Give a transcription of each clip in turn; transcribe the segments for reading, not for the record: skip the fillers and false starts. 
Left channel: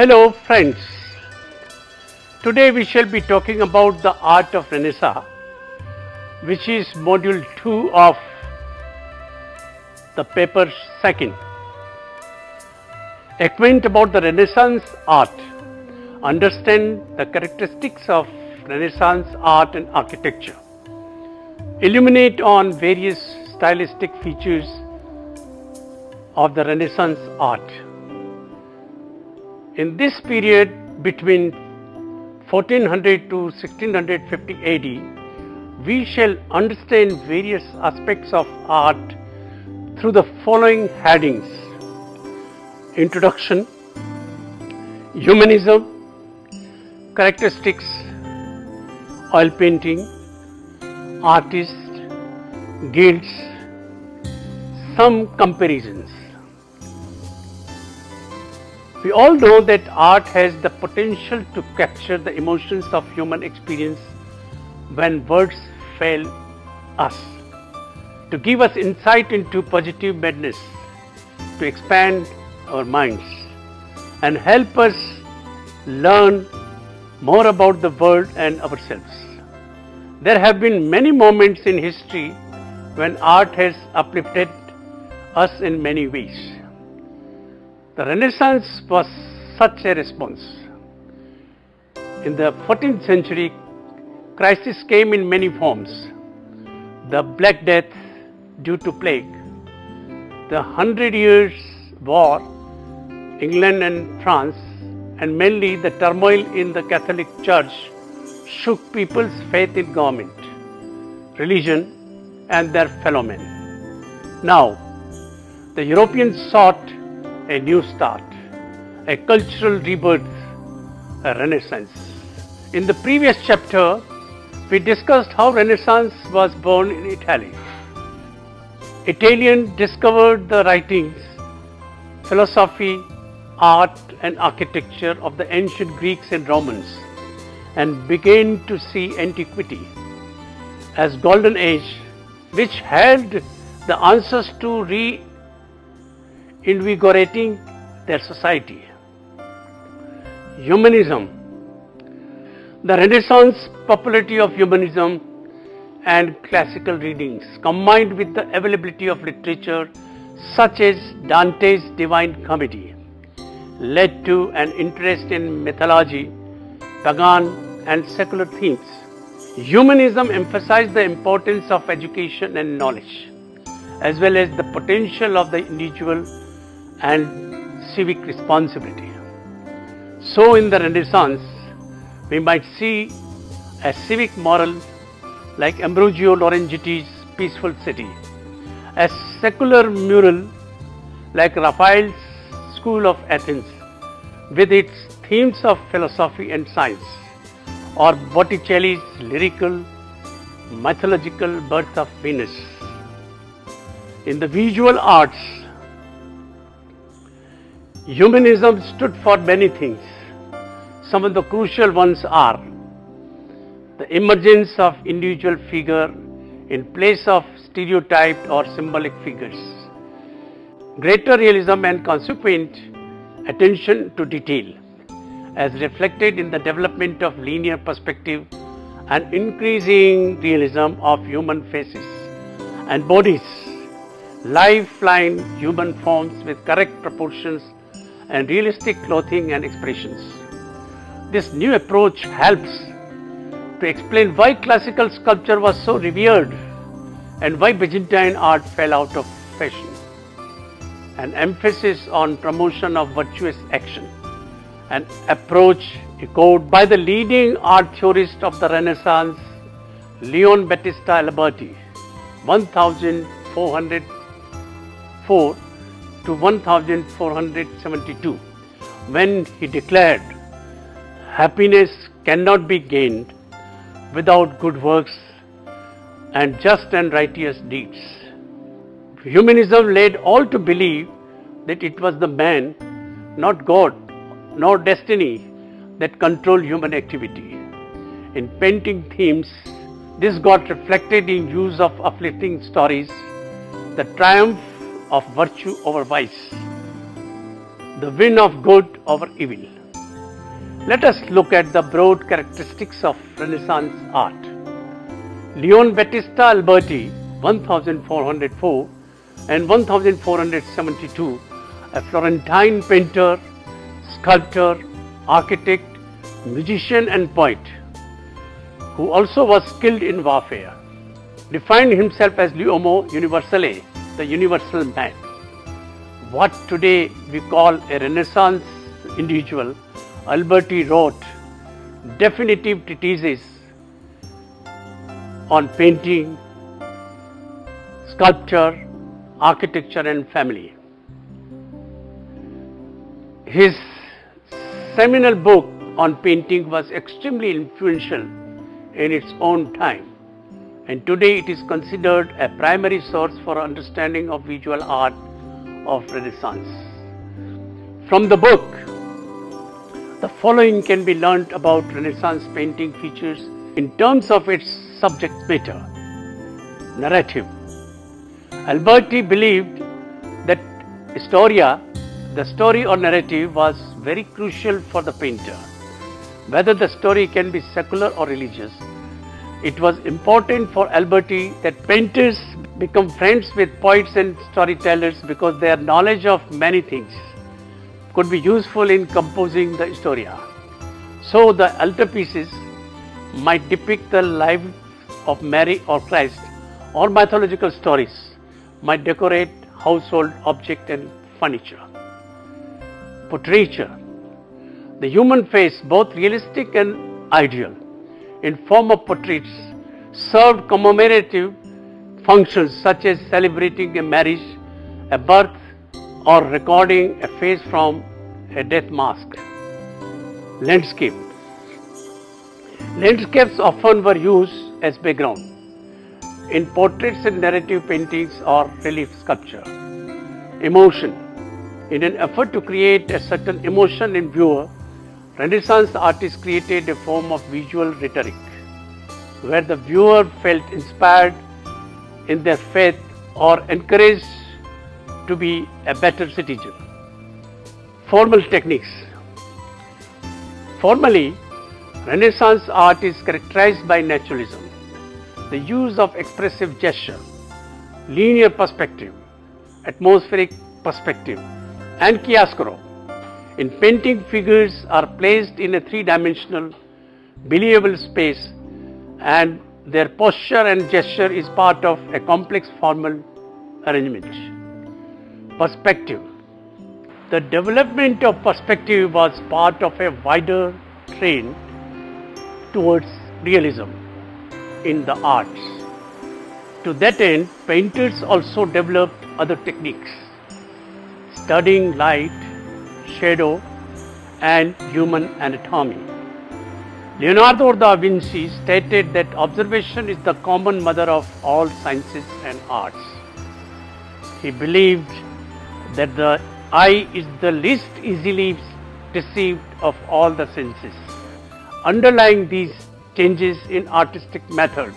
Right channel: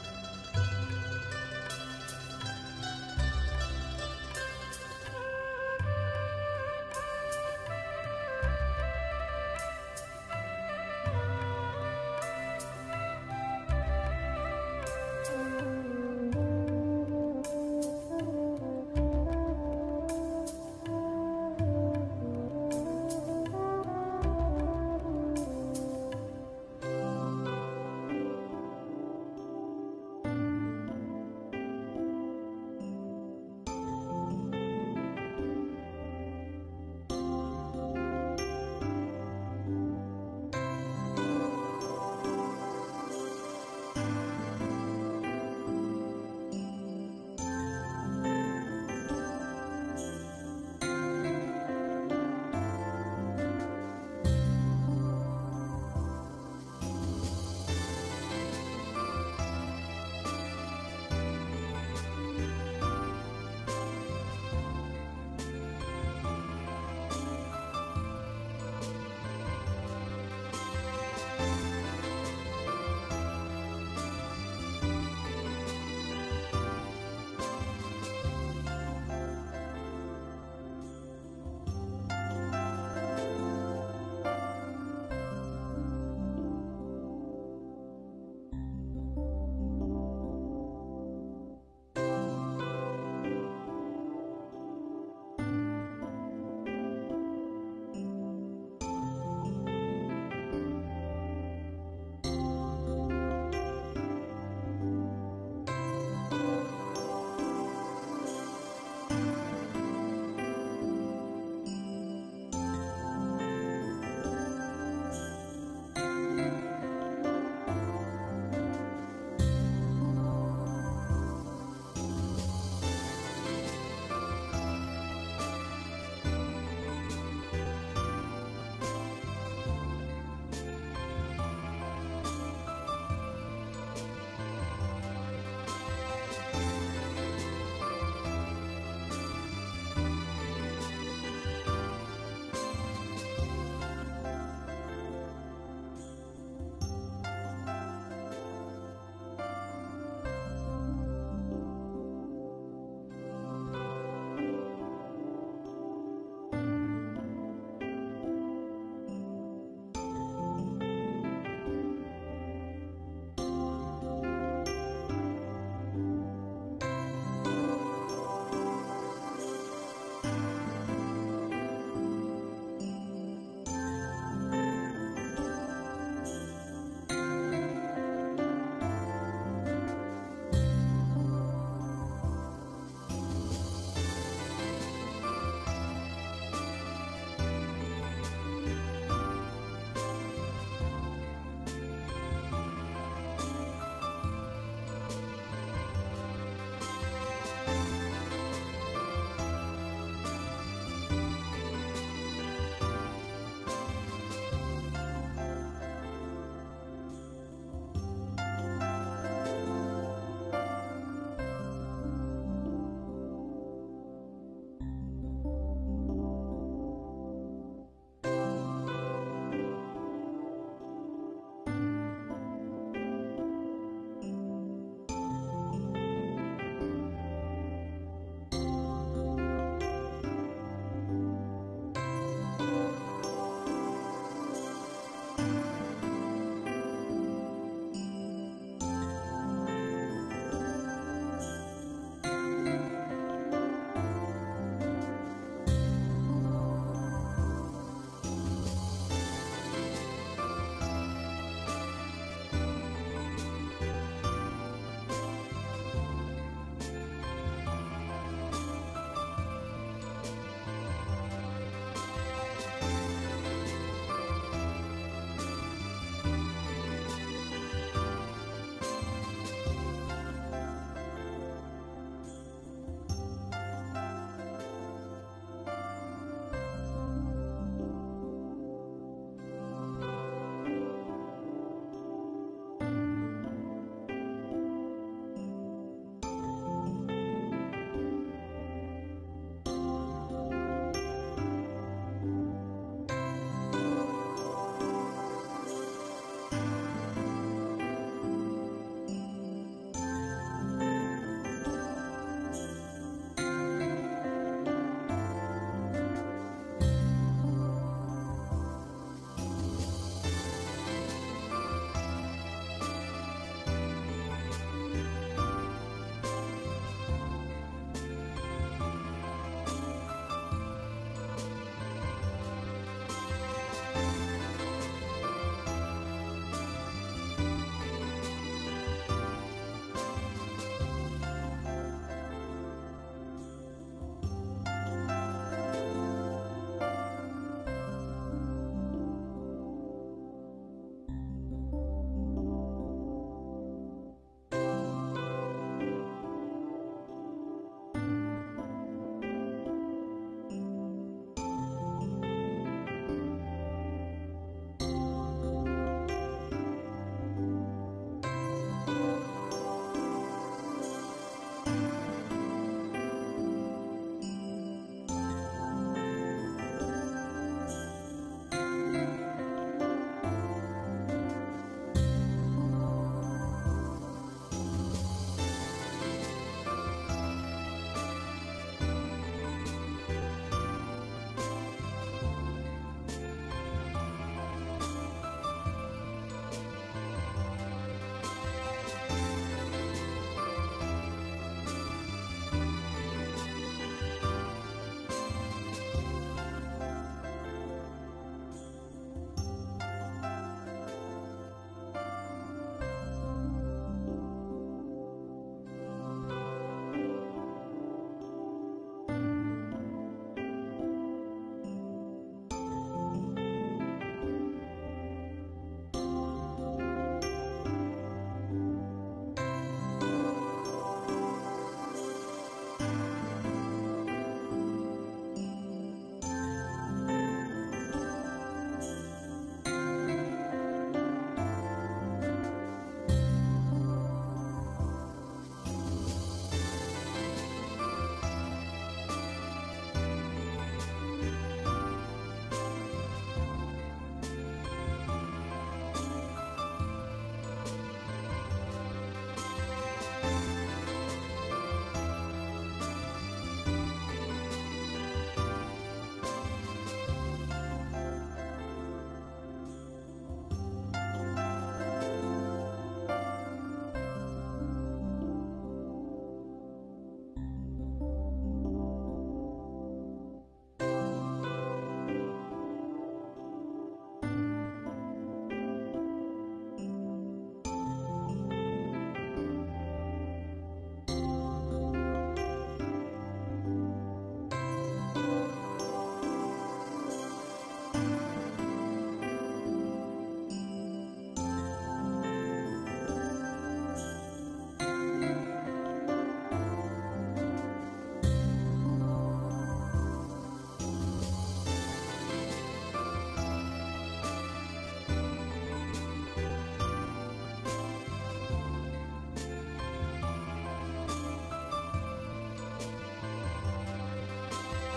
Hello friends, today we shall be talking about the art of Renaissance, which is module 2 of the paper 2nd. Acquaint about the Renaissance art, understand the characteristics of Renaissance art and architecture, illuminate on various stylistic features of the Renaissance art. In this period between 1400 to 1650 AD, we shall understand various aspects of art through the following headings: Introduction, Humanism, Characteristics, Oil painting, Artists, Guilds, some comparisons. We all know that art has the potential to capture the emotions of human experience when words fail us, to give us insight into positive madness, to expand our minds and help us learn more about the world and ourselves. There have been many moments in history when art has uplifted us in many ways. The Renaissance was such a response. In the 14th century, crisis came in many forms: the Black Death due to plague, the 100 Years' War, England and France, and mainly the turmoil in the Catholic Church shook people's faith in government, religion, and their fellow men. Now, the Europeans sought a new start, a cultural rebirth, a renaissance. In the previous chapter, we discussed how Renaissance was born in Italy. Italians discovered the writings, philosophy, art and architecture of the ancient Greeks and Romans and began to see antiquity as golden age, which held the answers to reinvigorating their society. Humanism. The Renaissance popularity of humanism and classical readings, combined with the availability of literature such as Dante's Divine Comedy, led to an interest in mythology, pagan and secular themes. Humanism emphasized the importance of education and knowledge, as well as the potential of the individual and civic responsibility. So in the Renaissance, we might see a civic moral like Ambrogio Lorenzetti's Peaceful City, a secular mural like Raphael's School of Athens with its themes of philosophy and science, or Botticelli's lyrical, mythological Birth of Venus. In the visual arts, humanism stood for many things. Some of the crucial ones are the emergence of individual figure in place of stereotyped or symbolic figures, greater realism and consequent attention to detail, as reflected in the development of linear perspective and increasing realism of human faces and bodies, lifeline human forms with correct proportions and realistic clothing and expressions. This new approach helps to explain why classical sculpture was so revered and why Byzantine art fell out of fashion. An emphasis on promotion of virtuous action, an approach echoed by the leading art theorist of the Renaissance, Leon Battista Alberti, 1404 to 1472, when he declared, "Happiness cannot be gained without good works and just and righteous deeds." Humanism led all to believe that it was the man, not God, nor destiny, that controlled human activity. In painting themes, this got reflected in use of uplifting stories, the triumph of virtue over vice, the win of good over evil. Let us look at the broad characteristics of Renaissance art. Leon Battista Alberti, 1404 and 1472, a Florentine painter, sculptor, architect, musician and poet, who also was skilled in warfare, defined himself as l'uomo universale, the universal man. What today we call a Renaissance individual, Alberti wrote definitive treatises on painting, sculpture, architecture and family. His seminal book on painting was extremely influential in its own time, and today it is considered a primary source for understanding of visual art of Renaissance. From the book, the following can be learnt about Renaissance painting features in terms of its subject matter. Narrative. Alberti believed that the story or narrative, was very crucial for the painter. Whether the story can be secular or religious, it was important for Alberti that painters become friends with poets and storytellers because their knowledge of many things could be useful in composing the historia. So the altarpieces might depict the life of Mary or Christ, or mythological stories might decorate household objects and furniture. Portraiture. The human face, both realistic and ideal, in form of portraits, served commemorative functions such as celebrating a marriage, a birth, or recording a face from a death mask. Landscape. Landscapes often were used as background in portraits and narrative paintings or relief sculpture. Emotion. In an effort to create a certain emotion in viewer, Renaissance artists created a form of visual rhetoric, where the viewer felt inspired in their faith or encouraged to be a better citizen. Formal techniques. Formally, Renaissance art is characterized by naturalism, the use of expressive gesture, linear perspective, atmospheric perspective, and chiaroscuro. In painting, figures are placed in a three-dimensional, believable space, and their posture and gesture is part of a complex formal arrangement. Perspective. The development of perspective was part of a wider trend towards realism in the arts. To that end, painters also developed other techniques, studying light, shadow, and human anatomy. Leonardo da Vinci stated that observation is the common mother of all sciences and arts. He believed that the eye is the least easily deceived of all the senses. Underlying these changes in artistic method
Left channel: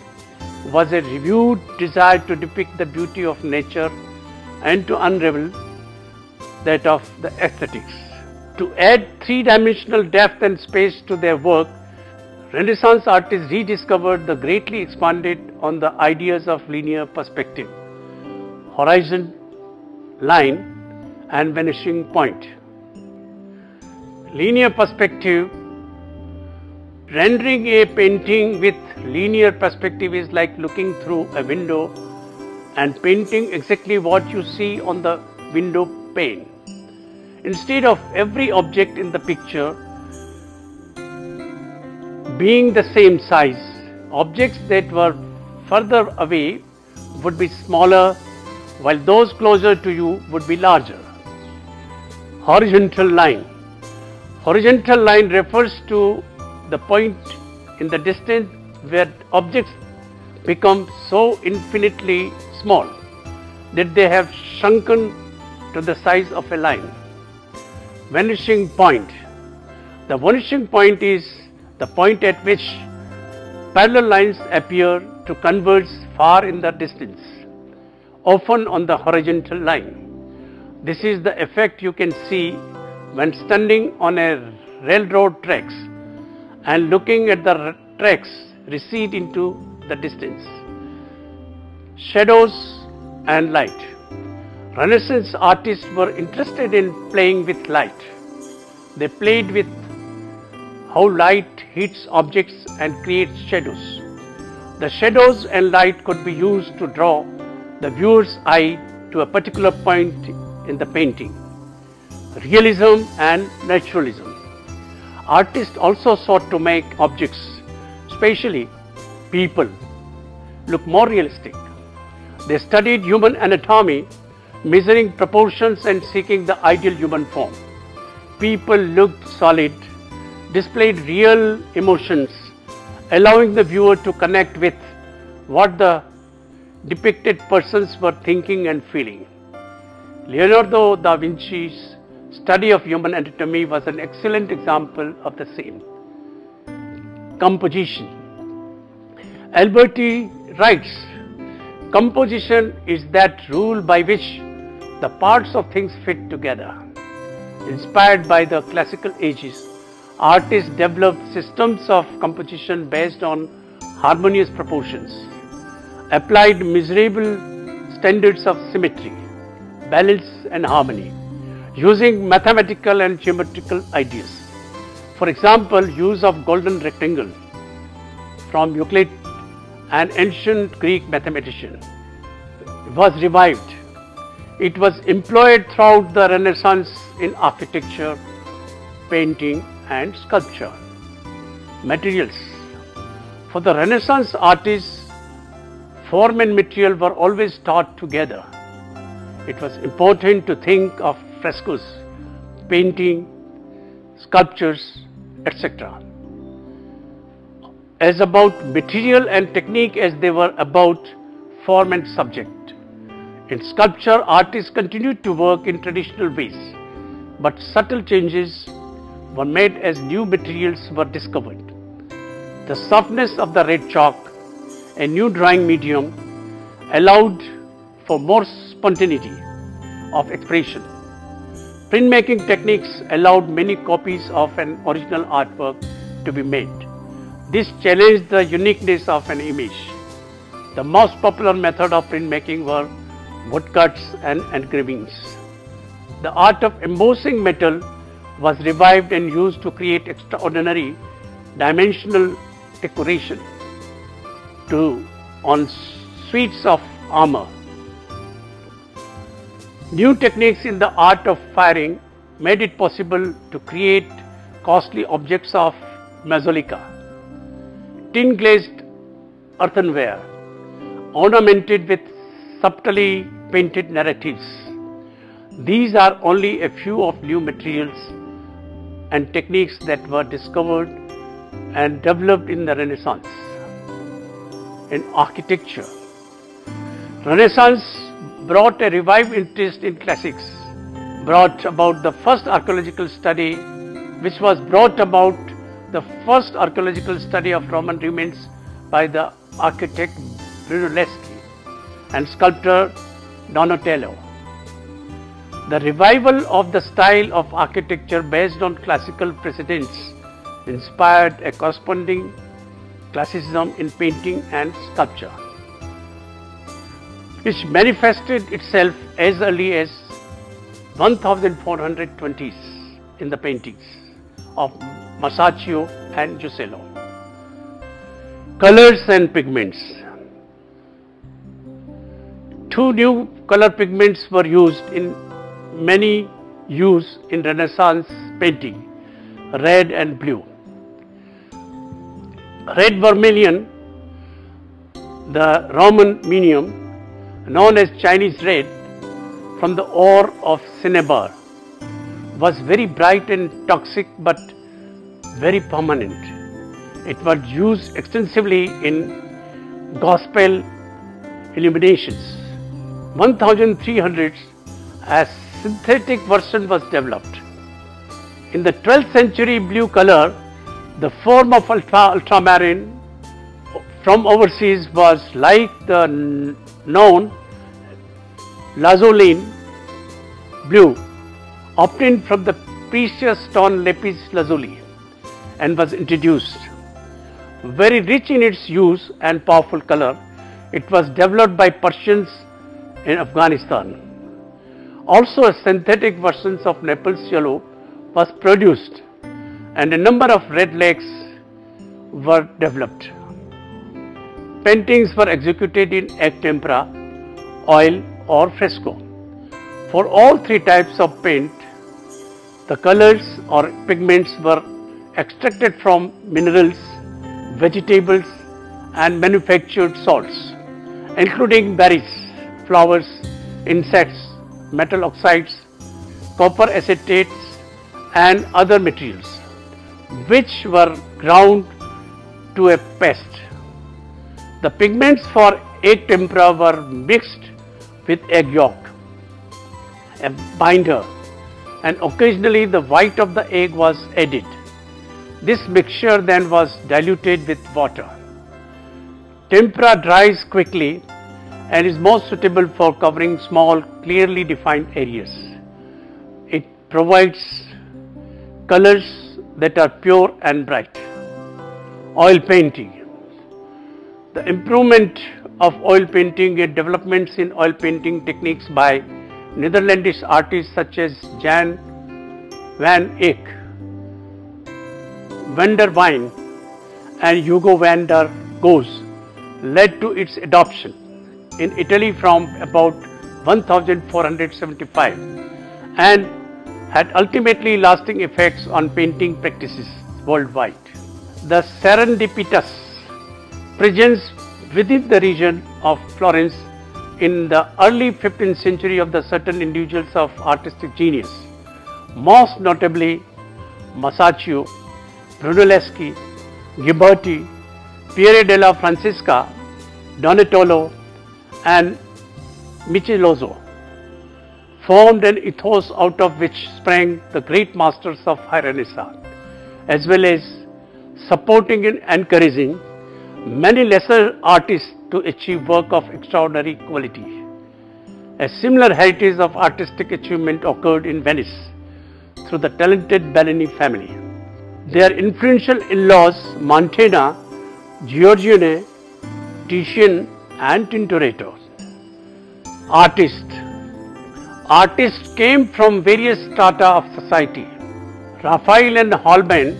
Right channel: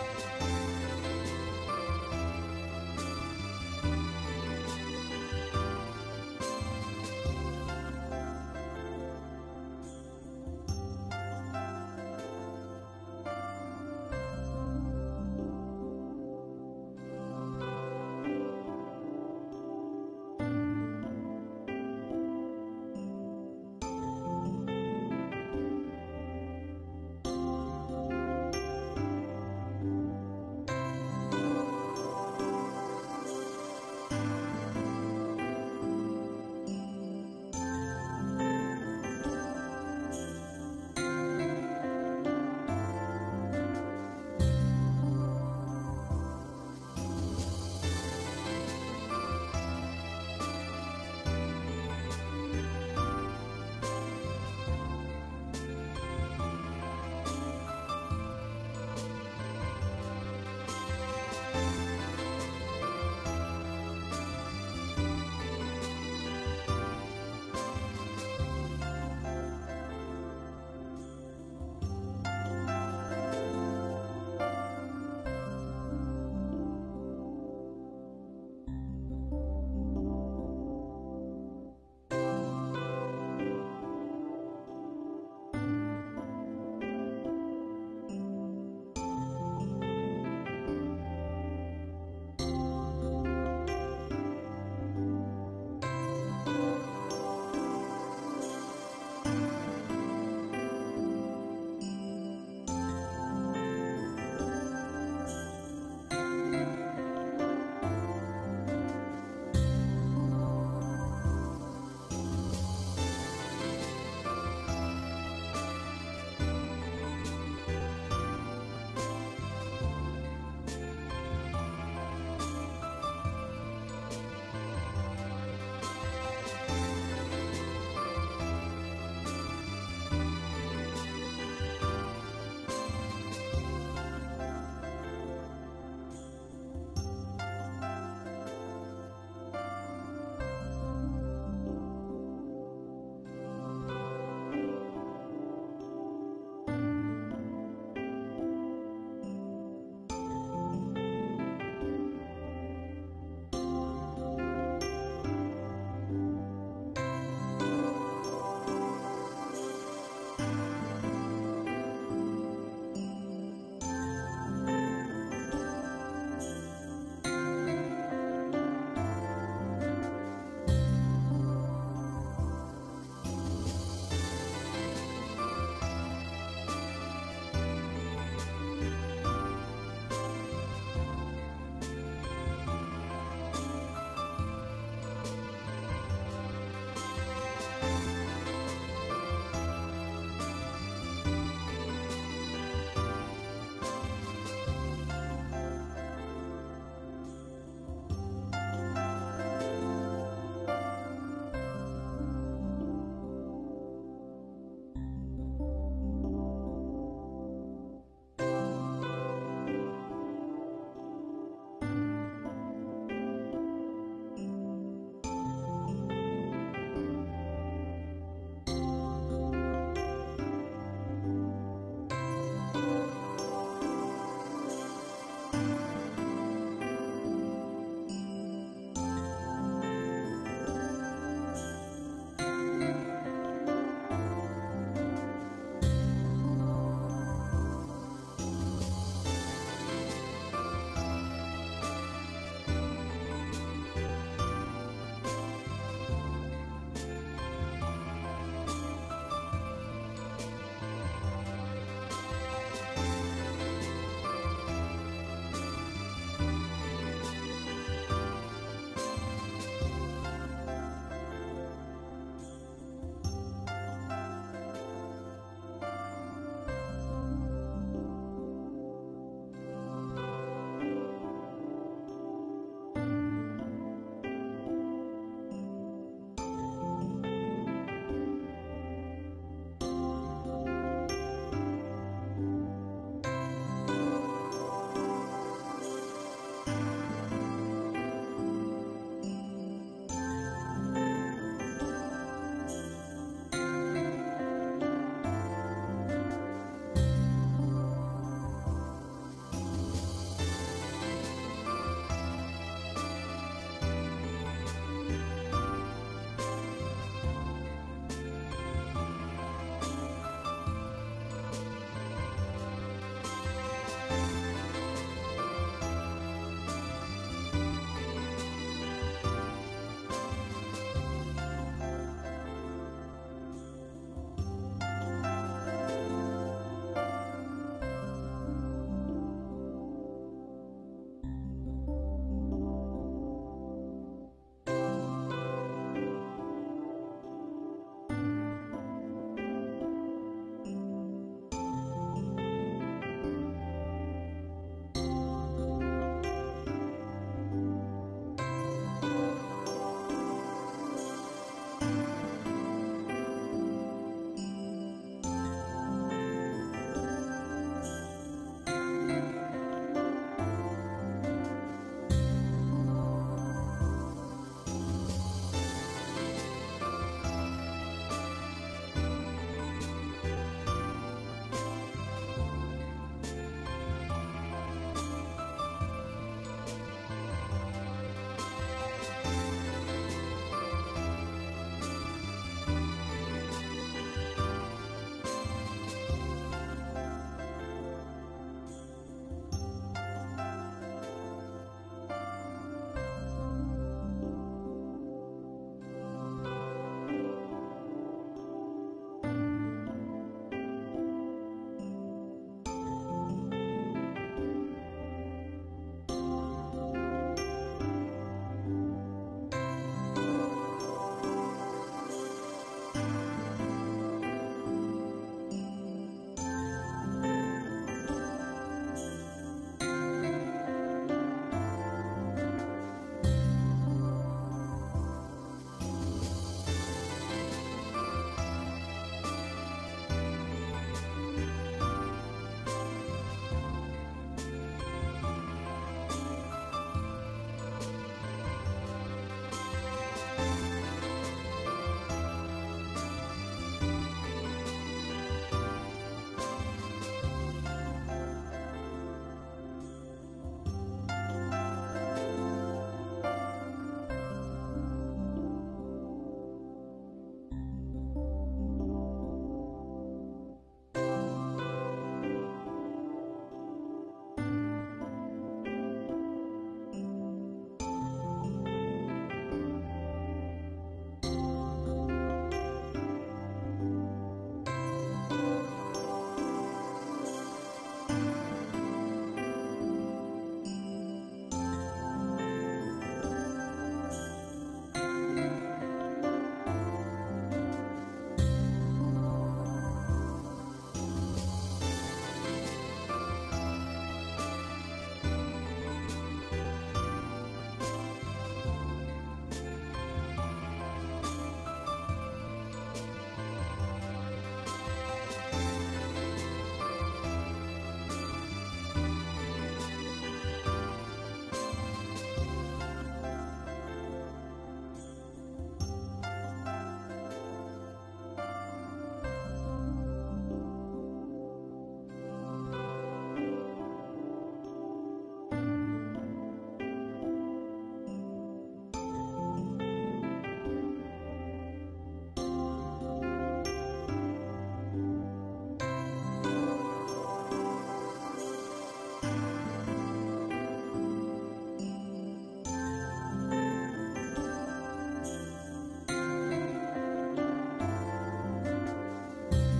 was a renewed desire to depict the beauty of nature and to unravel that of the aesthetics. To add three-dimensional depth and space to their work, Renaissance artists rediscovered the greatly expanded on the ideas of linear perspective, horizon, line, and vanishing point. Linear perspective. Rendering a painting with linear perspective is like looking through a window and painting exactly what you see on the window pane. Instead of every object in the picture being the same size, objects that were further away would be smaller, while those closer to you would be larger. Horizontal line. Horizontal line refers to the point in the distance where objects become so infinitely small that they have shrunken to the size of a line. Vanishing point. The vanishing point is the point at which parallel lines appear to converge far in the distance, often on the horizontal line. This is the effect you can see when standing on a railroad tracks and looking at the tracks recede into the distance. Shadows and light. Renaissance artists were interested in playing with light. They played with how light hits objects and creates shadows. The shadows and light could be used to draw the viewer's eye to a particular point in the painting. Realism and naturalism. Artists also sought to make objects, especially people, look more realistic. They studied human anatomy, measuring proportions and seeking the ideal human form. People looked solid, displayed real emotions, allowing the viewer to connect with what the depicted persons were thinking and feeling. Leonardo da Vinci's study of human anatomy was an excellent example of the same. Composition. Alberti writes, composition is that rule by which the parts of things fit together. Inspired by the classical ages, artists developed systems of composition based on harmonious proportions, applied measurable standards of symmetry, balance and harmony, using mathematical and geometrical ideas. For example, use of golden rectangle from Euclid, an ancient Greek mathematician, was revived. It was employed throughout the Renaissance in architecture, painting and sculpture. Materials. For the Renaissance artists, form and material were always taught together. It was important to think of frescoes, painting, sculptures, etc. as about material and technique as they were about form and subject. In sculpture, artists continued to work in traditional ways, but subtle changes were made as new materials were discovered. The softness of the red chalk, a new drawing medium, allowed for more spontaneity of expression. Printmaking techniques allowed many copies of an original artwork to be made. This challenged the uniqueness of an image. The most popular method of printmaking were woodcuts and engravings. The art of embossing metal was revived and used to create extraordinary dimensional decoration on suites of armor. New techniques in the art of firing made it possible to create costly objects of majolica, tin glazed earthenware, ornamented with subtly painted narratives. These are only a few of new materials and techniques that were discovered and developed in the Renaissance. In architecture, Renaissance brought a revived interest in classics, brought about the first archaeological study of Roman remains by the architect Brunelleschi and sculptor Donatello. The revival of the style of architecture based on classical precedents inspired a corresponding classicism in painting and sculpture, which manifested itself as early as 1420s in the paintings of Masaccio and Giusello. Colors and pigments. Two new color pigments were used in many use in Renaissance painting, red and blue. Red vermilion, the Roman medium, known as Chinese red, from the ore of cinnabar, was very bright and toxic but very permanent. It was used extensively in gospel illuminations. 1300s, a synthetic version was developed. In the 12th century, blue color, the form of ultramarine from overseas, was like the known lazulin blue obtained from the precious stone lapis lazuli and was introduced. Very rich in its use and powerful color, it was developed by Persians in Afghanistan. Also, a synthetic versions of Naples yellow was produced and a number of red lakes were developed. Paintings were executed in egg tempera, oil or fresco. For all three types of paint, the colors or pigments were extracted from minerals, vegetables and manufactured salts, including berries, flowers, insects, metal oxides, copper acetates and other materials, which were ground to a paste. The pigments for egg tempera were mixed with egg yolk, a binder, and occasionally the white of the egg was added. This mixture then was diluted with water. Tempera dries quickly and is most suitable for covering small, clearly defined areas. It provides colors that are pure and bright. Oil painting. The improvement of oil painting and developments in oil painting techniques by Netherlandish artists such as Jan van Eyck, van der Wijn and Hugo van der Goes led to its adoption in Italy from about 1475 and had ultimately lasting effects on painting practices worldwide. The serendipitous presence within the region of Florence in the early 15th century of the certain individuals of artistic genius, most notably Masaccio, Brunelleschi, Ghiberti, Piero della Francesca, Donatello and Michelozzo, formed an ethos out of which sprang the great masters of High Renaissance, as well as supporting and encouraging many lesser artists to achieve work of extraordinary quality. A similar heritage of artistic achievement occurred in Venice through the talented Bellini family. Their influential in-laws Mantegna, Giorgione, Titian and Tintoretto. Artists came from various strata of society. Raphael and Holbein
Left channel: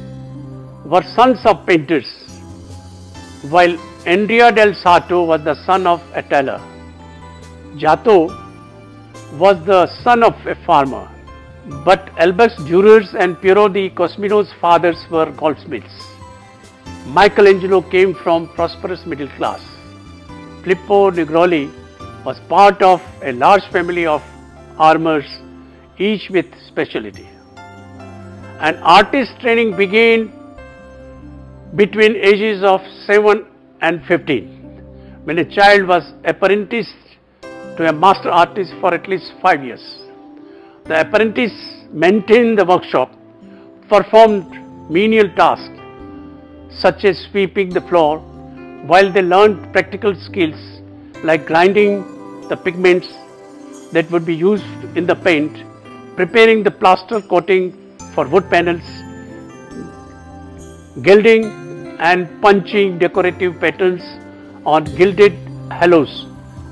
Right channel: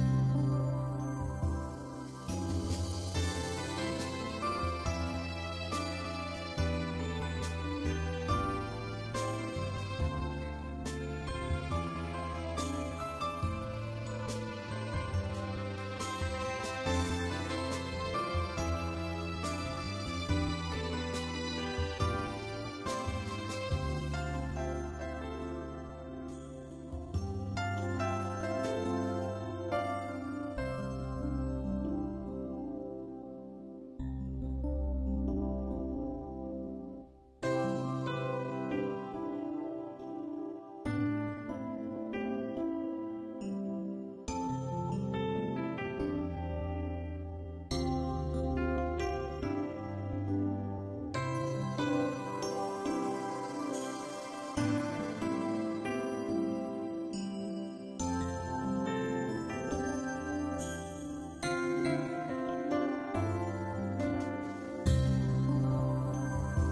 were sons of painters, while Andrea del Sarto was the son of a tailor. Giotto was the son of a farmer, but Albus Durer's and Piero di Cosmino's fathers were goldsmiths. Michelangelo came from prosperous middle class. Filippo Nigroli was part of a large family of armors, each with specialty. And artist training began between ages of 7 and 15, when a child was apprenticed to a master artist for at least 5 years. The apprentice maintained the workshop, performed menial tasks such as sweeping the floor, while they learned practical skills like grinding the pigments that would be used in the paint, preparing the plaster coating for wood panels, gilding and punching decorative patterns on gilded halos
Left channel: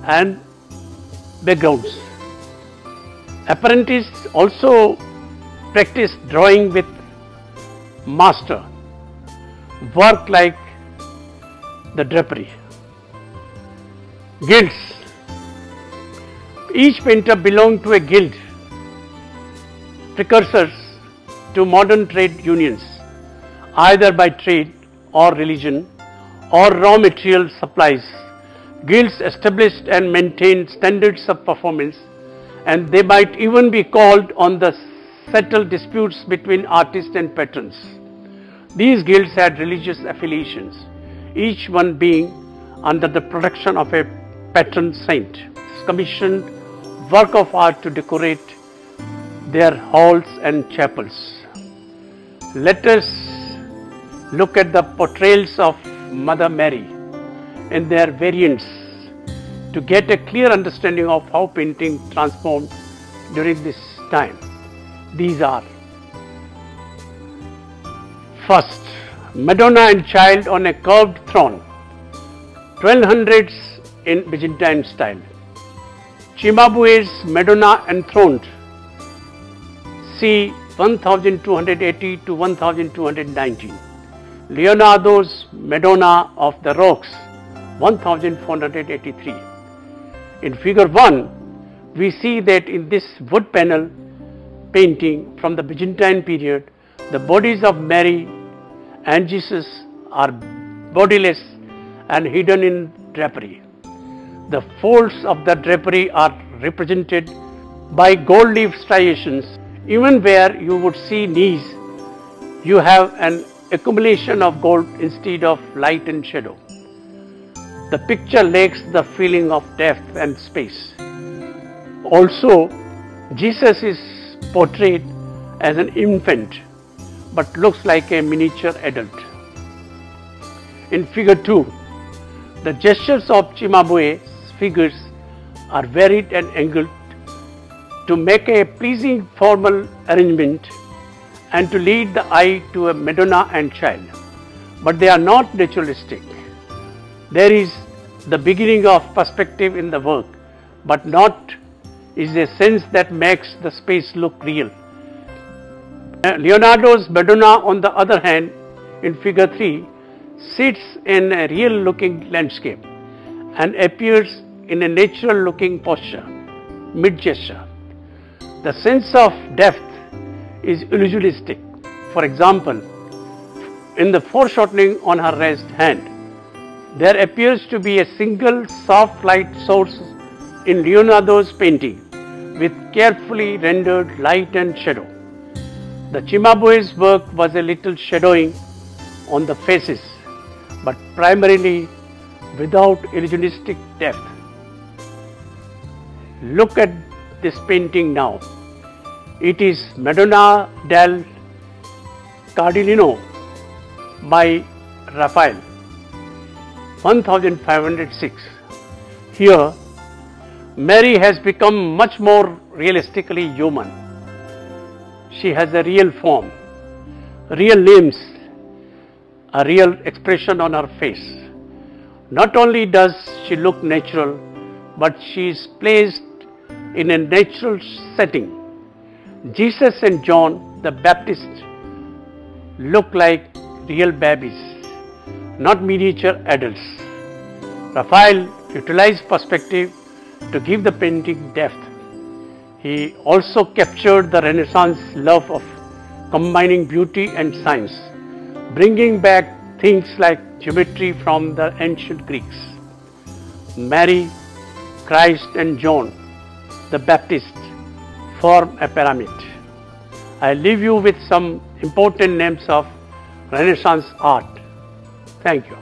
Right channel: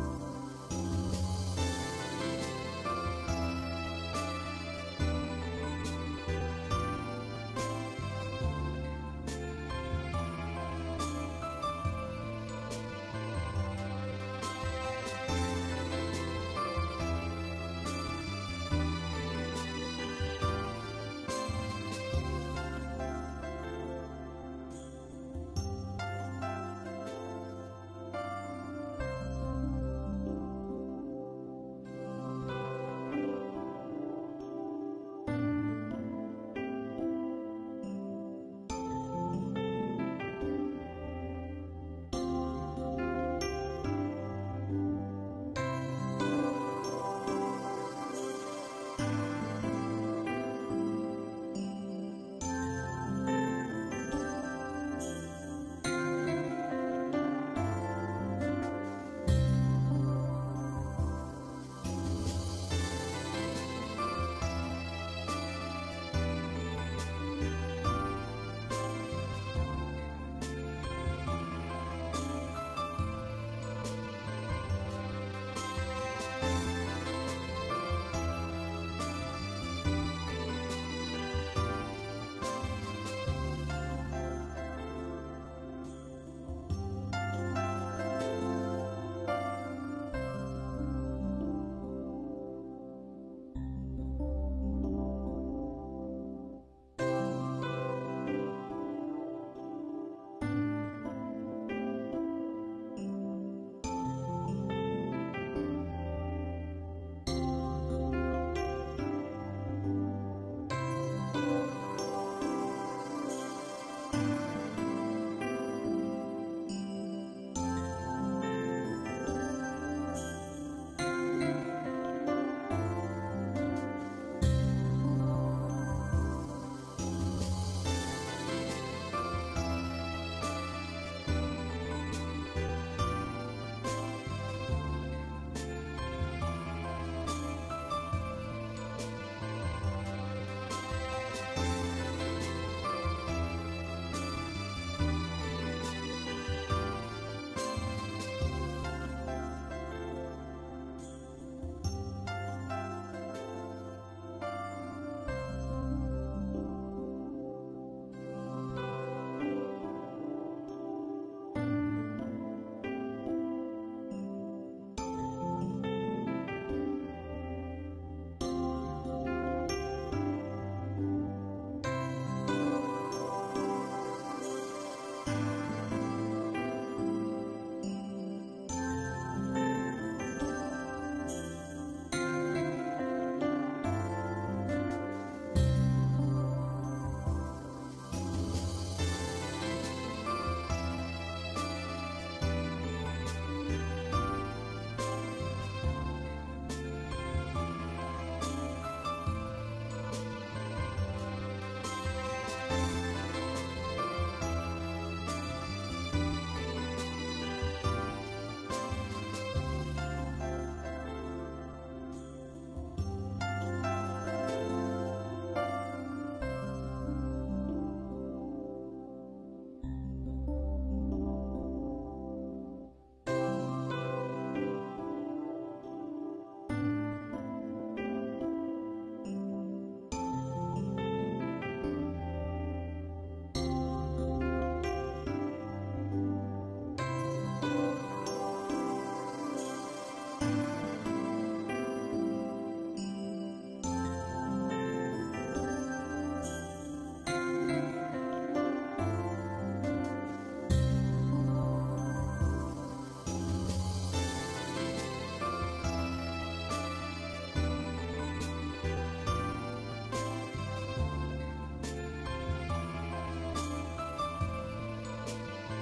and backgrounds. Apprentices also practiced drawing with master work like the drapery. Guilds. Each painter belonged to a guild, precursors to modern trade unions, either by trade or religion or raw material supplies. Guilds established and maintained standards of performance, and they might even be called on to settle disputes between artists and patrons. These guilds had religious affiliations, each one being under the protection of a patron saint, commissioned work of art to decorate their halls and chapels. Let us look at the portrayals of Mother Mary in their variants to get a clear understanding of how painting transformed during this time. These are First, Madonna and Child on a curved throne, 1200s in Byzantine style. Cimabue's Madonna enthroned, c. 1280 to 1219. Leonardo's Madonna of the Rocks, 1483. In figure 1, we see that in this wood panel painting from the Byzantine period, the bodies of Mary and Jesus are bodiless and hidden in drapery. The folds of the drapery are represented by gold leaf striations. Even where you would see knees, you have an accumulation of gold instead of light and shadow. The picture lacks the feeling of depth and space. Also, Jesus is portrayed as an infant but looks like a miniature adult. In figure 2, the gestures of Cimabue's figures are varied and angled to make a pleasing formal arrangement and to lead the eye to a Madonna and Child. But they are not naturalistic. There is the beginning of perspective in the work, but not is a sense that makes the space look real. Leonardo's Madonna, on the other hand, in figure 3, sits in a real looking landscape and appears in a natural looking posture, mid-gesture. The sense of depth is illusionistic. For example, in the foreshortening on her raised hand, there appears to be a single soft light source in Leonardo's painting with carefully rendered light and shadow. The Cimabue's work was a little shadowing on the faces, but primarily without illusionistic depth. Look at this painting now. It is Madonna del Cardellino by Raphael, 1506. Here, Mary has become much more realistically human. She has a real form, real limbs, a real expression on her face. Not only does she look natural, but she is placed in a natural setting. Jesus and John the Baptist look like real babies, not miniature adults. Raphael utilized perspective to give the painting depth. He also captured the Renaissance love of combining beauty and science, bringing back things like geometry from the ancient Greeks. Mary, Christ and John the Baptist form a pyramid. I leave you with some important names of Renaissance art. Thank you.